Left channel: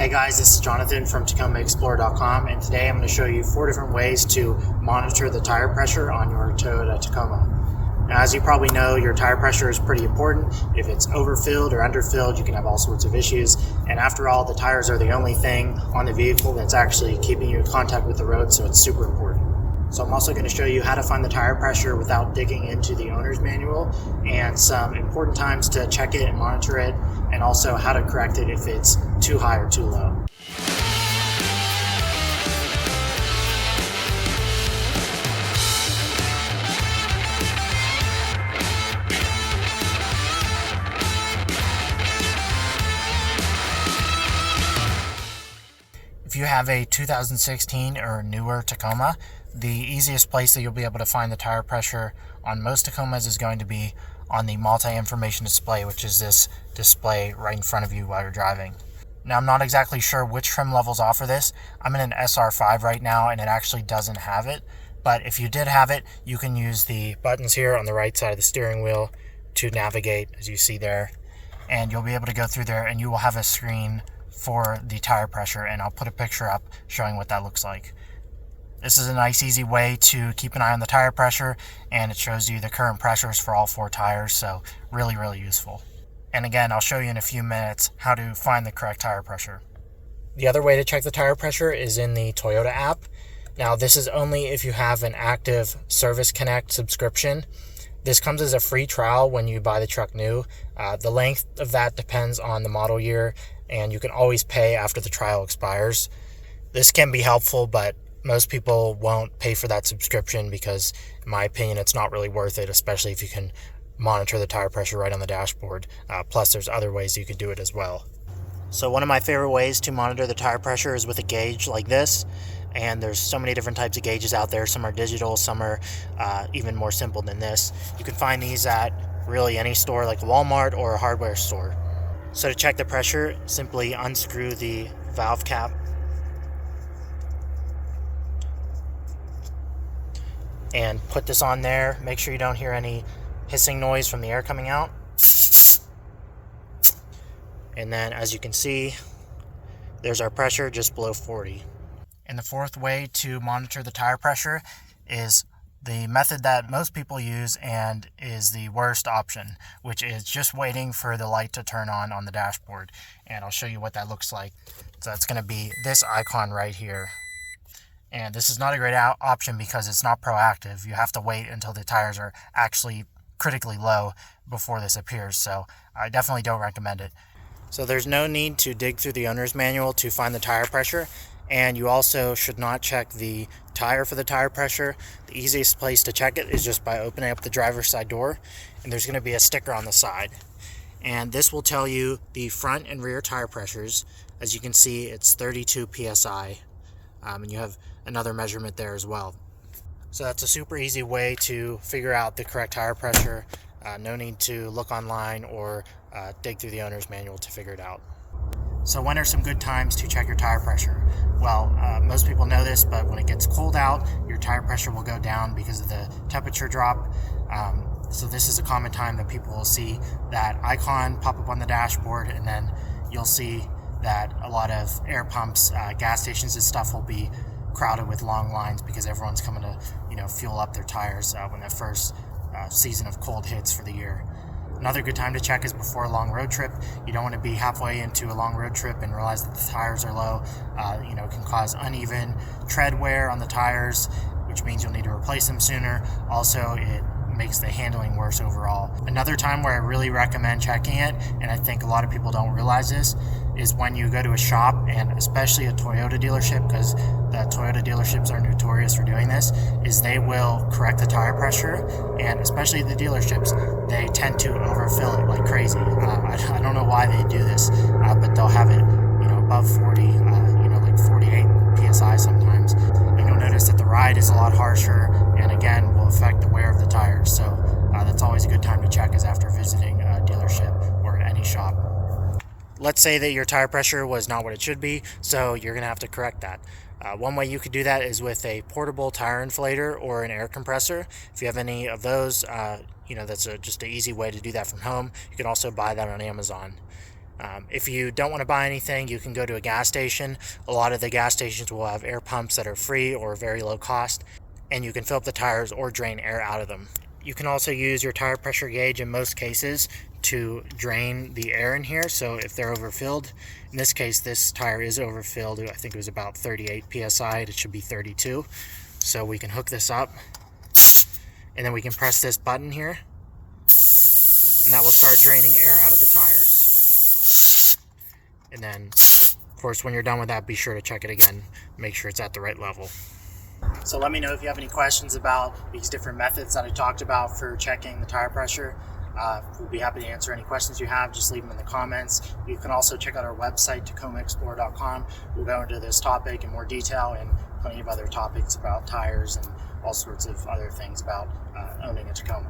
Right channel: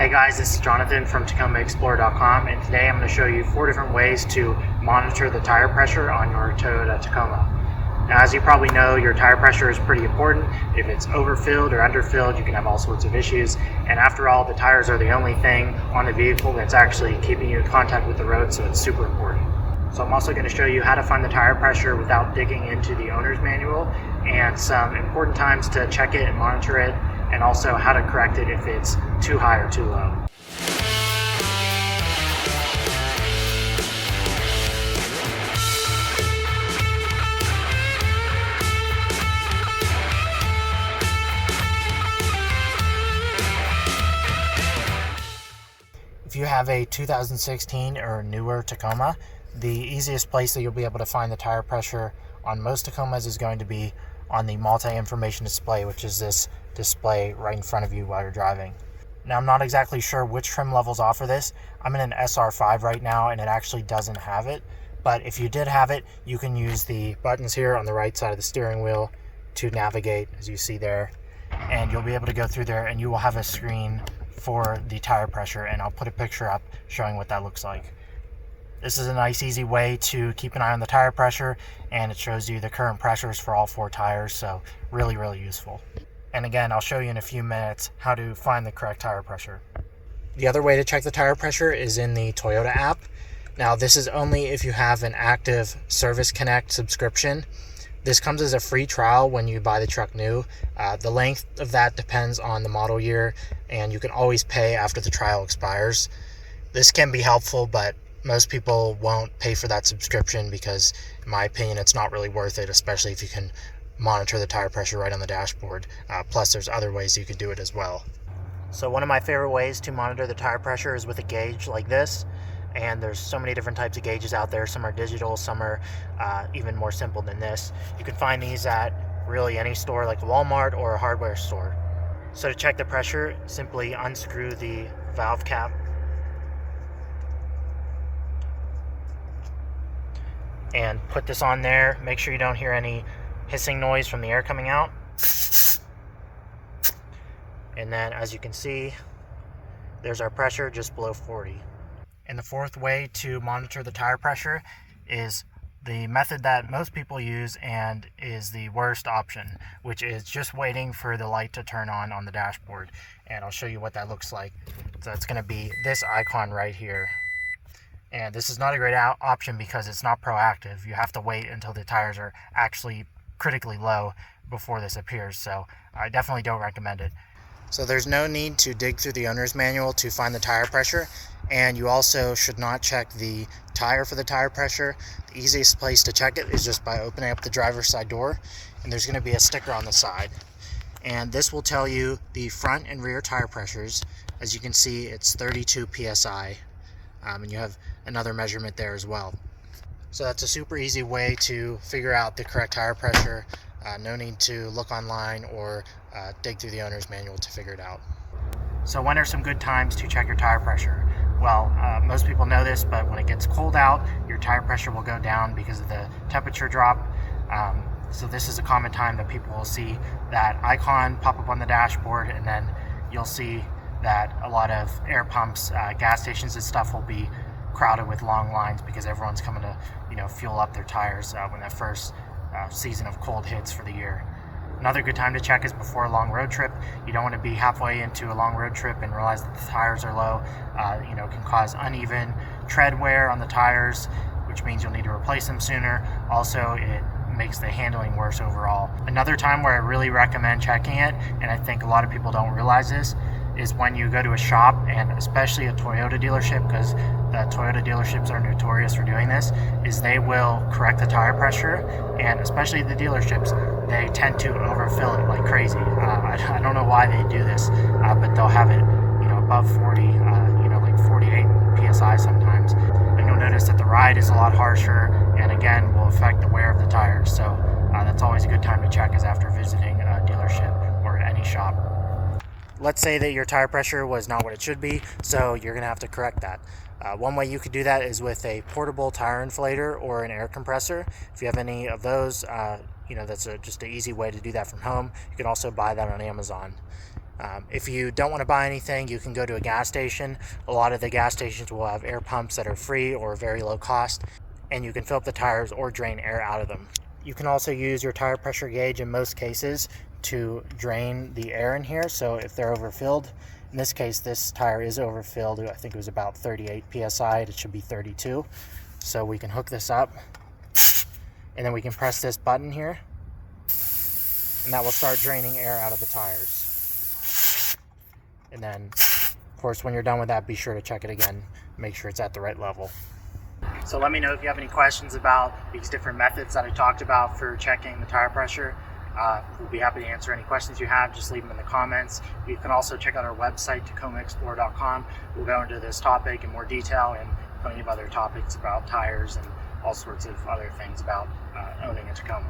Hey guys, this is Jonathan from TacomaExplorer.com, and today I'm going to show you 4 different ways to monitor the tire pressure on your Toyota Tacoma. Now, as you probably know, your tire pressure is pretty important. If it's overfilled or underfilled, you can have all sorts of issues. And after all, the tires are the only thing on the vehicle that's actually keeping you in contact with the road, so it's super important. So I'm also going to show you how to find the tire pressure without digging into the owner's manual, and some important times to check it and monitor it, and also how to correct it if it's too high or too low. If you have a 2016 or newer Tacoma, the easiest place that you'll be able to find the tire pressure on most Tacomas is going to be on the multi-information display, which is this display right in front of you while you're driving. Now, I'm not exactly sure which trim levels offer this. I'm in an SR5 right now and it actually doesn't have it, but if you did have it, you can use the buttons here on the right side of the steering wheel to navigate, as you see there, and you'll be able to go through there and you will have a screen for the tire pressure, and I'll put a picture up showing what that looks like. This is a nice, easy way to keep an eye on the tire pressure, and it shows you the current pressures for all 4 tires, so really, really useful. And again, I'll show you in a few minutes how to find the correct tire pressure. The other way to check the tire pressure is in the Toyota app. Now, this is only if you have an active Service Connect subscription. This comes as a free trial when you buy the truck new. The length of that depends on the model year, and you can always pay after the trial expires. This can be helpful, but most people won't pay for that subscription because, in my opinion, it's not really worth it, especially if you can monitor the tire pressure right on the dashboard. Plus, there's other ways you can do it as well. So one of my favorite ways to monitor the tire pressure is with a gauge like this. And there's so many different types of gauges out there. Some are digital, some are even more simple than this. You can find these at really any store like a Walmart or a hardware store. So to check the pressure, simply unscrew the valve cap and put this on there. Make sure you don't hear any hissing noise from the air coming out. And then, as you can see, there's our pressure just below 40. And the 4th way to monitor the tire pressure is the method that most people use and is the worst option, which is just waiting for the light to turn on the dashboard. And I'll show you what that looks like. So it's going to be this icon right here. And this is not a great option because it's not proactive. You have to wait until the tires are actually critically low before this appears. So I definitely don't recommend it. So there's no need to dig through the owner's manual to find the tire pressure. And you also should not check the tire for the tire pressure. The easiest place to check it is just by opening up the driver's side door, and there's going to be a sticker on the side. And this will tell you the front and rear tire pressures. As you can see, it's 32 PSI, and you have another measurement there as well. So that's a super easy way to figure out the correct tire pressure. No need to look online or dig through the owner's manual to figure it out. So when are some good times to check your tire pressure? Well, most people know this, but when it gets cold out, your tire pressure will go down because of the temperature drop. So this is a common time that people will see that icon pop up on the dashboard, and then you'll see that a lot of air pumps, gas stations and stuff will be crowded with long lines because everyone's coming to, fuel up their tires when that first season of cold hits for the year. Another good time to check is before a long road trip. You don't want to be halfway into a long road trip and realize that the tires are low. It can cause uneven tread wear on the tires, which means you'll need to replace them sooner. Also, it makes the handling worse overall. Another time where I really recommend checking it, and I think a lot of people don't realize this, is when you go to a shop, and especially a Toyota dealership, because the Toyota dealerships are notorious for doing this, is they will correct the tire pressure, and especially the dealerships, they tend to overfill it like crazy. I don't know why they do this, but they'll have it, above 40, like 48 PSI sometimes. And you'll notice that the ride is a lot harsher, and again, will affect the wear of the tires. So that's always a good time to check, is after visiting a dealership or any shop. Let's say that your tire pressure was not what it should be, so you're going to have to correct that. One way you could do that is with a portable tire inflator or an air compressor. If you have any of those, that's just an easy way to do that from home. You can also buy that on Amazon. If you don't want to buy anything, you can go to a gas station. A lot of the gas stations will have air pumps that are free or very low cost, and you can fill up the tires or drain air out of them. You can also use your tire pressure gauge in most cases to drain the air in here. So if they're overfilled, in this case this tire is overfilled, I think it was about 38 PSI, it should be 32. So we can hook this up, and then we can press this button here, and that will start draining air out of the tires. And then, of course, when you're done with that, be sure to check it again, make sure it's at the right level. So let me know if you have any questions about these different methods that I talked about for checking the tire pressure. We'll be happy to answer any questions you have. Just leave them in the comments. You can also check out our website, tacomaexplorer.com. We'll go into this topic in more detail and plenty of other topics about tires and all sorts of other things about owning a Tacoma.